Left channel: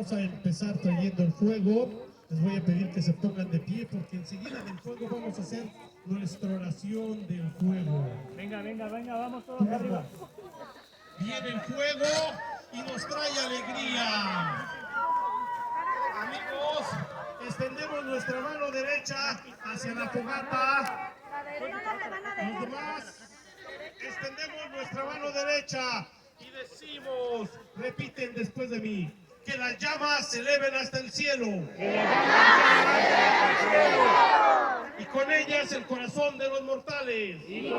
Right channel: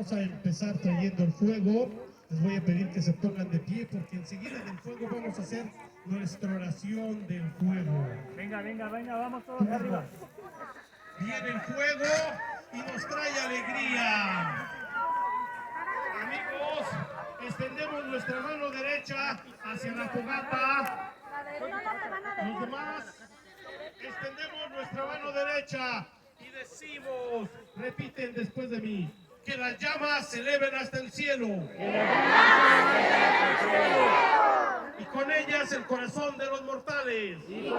vamos a empezar trayendo el fuego. Les voy a pedir que se pongan de pie porque enseguida del fuego vamos a hacer nuestra oración del fuego. Venga, vamos todos arriba. Viene el fuego y nos trae alegría. Amigos, extendemos nuestra mano derecha hacia la fogata. Los demás, extendemos nuestra mano derecha y decimos, repiten después de mí, que las llamas se eleven hasta el cielo. Y con ellas el corazón de los mortales. El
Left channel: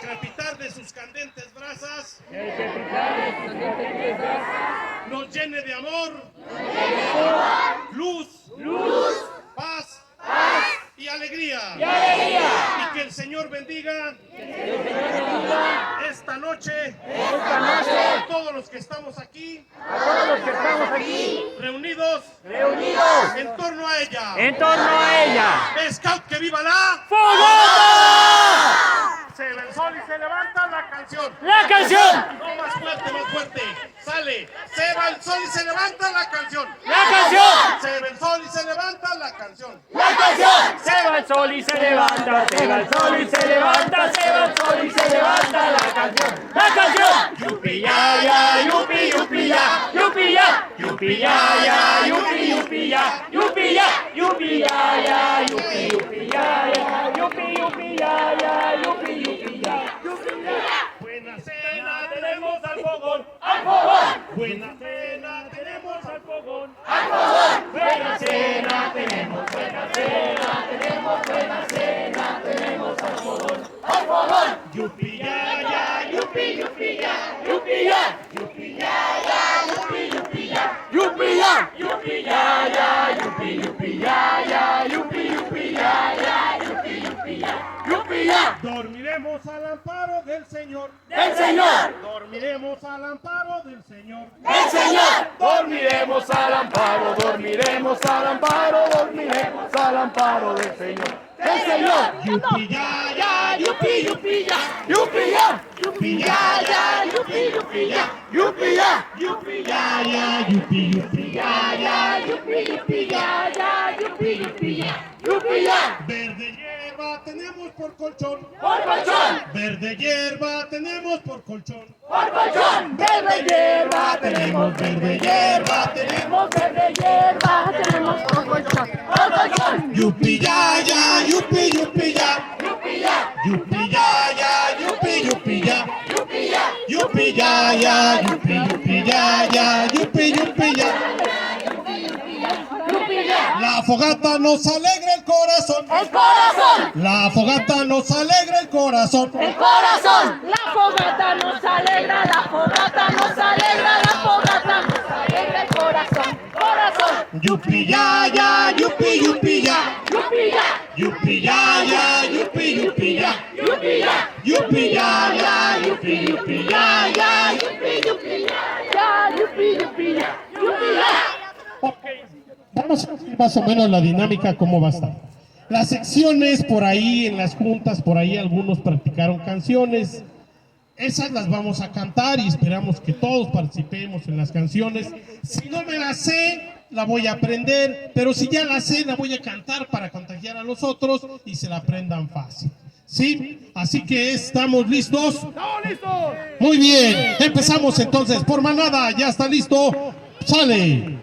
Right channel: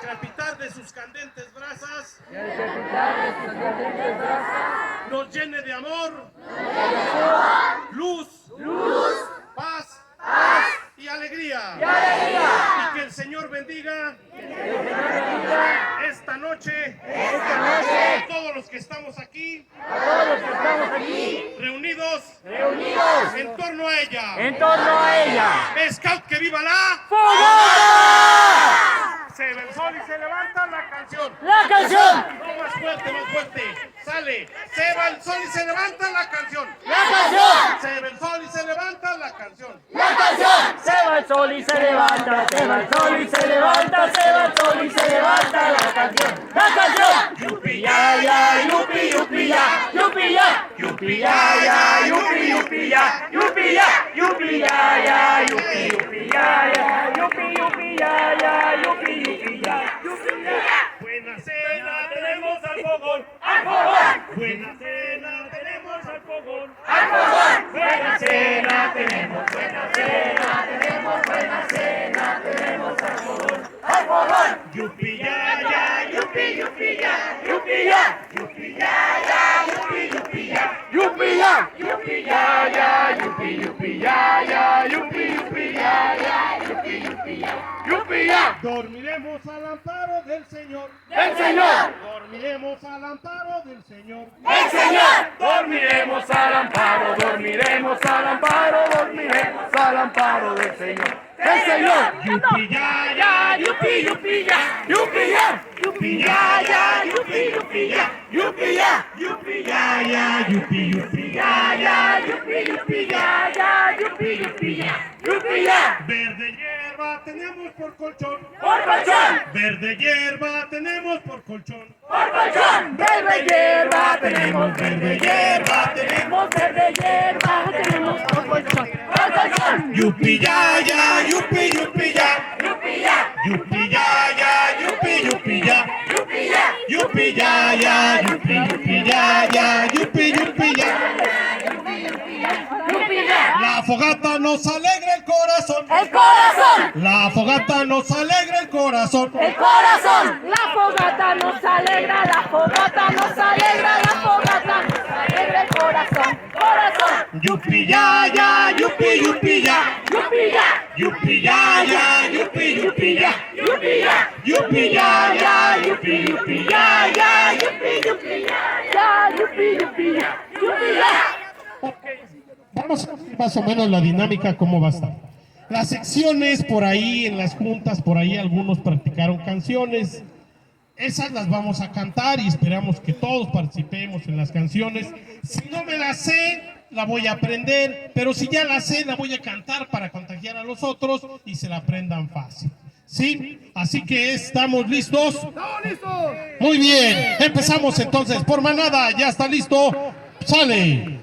crepitar de sus candentes brasas nos llene de amor, luz, paz y alegría. Y que el Señor bendiga esta noche a todos los que estamos aquí reunidos en torno a ella. Scout, que viva la ¡Fogata! Se ve el sol y se levanta la canción. ¡La canción! No, más fuerte. Sale. Se va el sol y se levanta la canción. ¡La canción! Se ve el sol y se levanta la canción. ¡La canción! Se va el sol y se levanta, se va el sol y se levanta, se va el sol y se levanta la canción. ¡La canción! Yupi ya ya, yupi yupi ya, yupi ya, yupi ya ya, yupi yupi ya, yupi ya, yupi ya ya, yupi yupi ya ya, yupi yupi ya ya, yupi yupi ya, yupi ya. Buena cena tenemos al fogón. Buena cena tenemos al fogón. Buena cena tenemos, buena cena tenemos, buena cena tenemos al fogón. Yupi ya ya, Yupi yupi ya, yupi ya, yupi ya ya, yupi yupi ya, yupi ya, yupi ya ya, yupi yupi ya ya, yupi yupi ya ya, yupi yupi ya, yupi ya. dormiremos al amparo del Señor. ¡El Señor! Dormiremos al amparo del Señor. ¡El Señor! Dormiremos al amparo, dormiremos al amparo, dormiremos al amparo del Señor. ¡El Señor! Yupi ya ya, Yupi yupi ya, yupi ya, yupi ya ya, yupi yupi ya, yupi ya, yupi ya ya, yupi yupi ya ya, yupi yupi ya ya, yupi yupi ya, yupi ya. verde hierba tenemos por colchón. ¡Por colchón! Verde hierba tenemos por colchón. ¡Por colchón! Verde hierba tenemos, Verde hierba tenemos. verde hierba tenemos por colchón. ¡Por colchón! Yupi ya ya, yupi yupi ya. Yupi ya, Yupi ya ya, yupi ya. yupi ya, Yupi ya ya, yupi ya ya, yupi ya. yupi ya. La fogata nos alegra el corazón. El corazón, La fogata nos alegra el corazón. el corazón. La fogata nos alegra, la fogata nos alegra, la fogata nos alegra el corazón. Corazón, Yupi ya ya, yupi ya. yupi ya, Yupi ya ya, yupi ya. yupi ya, Yupi ya ya, yupi ya ya. yupi yupi ya, ya, yupi yupi ya, yupi ya. Ok, vamos a ver más o menos la dinámica, cómo va a estar. Las secciones por ahí, en las juntas, por ahí algunos practicaron canciones. Esas las vamos a cantar y esperamos que todos participemos en las canciones. Si no me las sé, la voy a aprender, pero si ya la sé, la voy a cantar para contagiar a los otros y se la aprendan fácil. ¿Sí? Así que ¿estamos listos? ¡Estamos listos! Muy bien, empezamos entonces por manada, ya está listo, sale.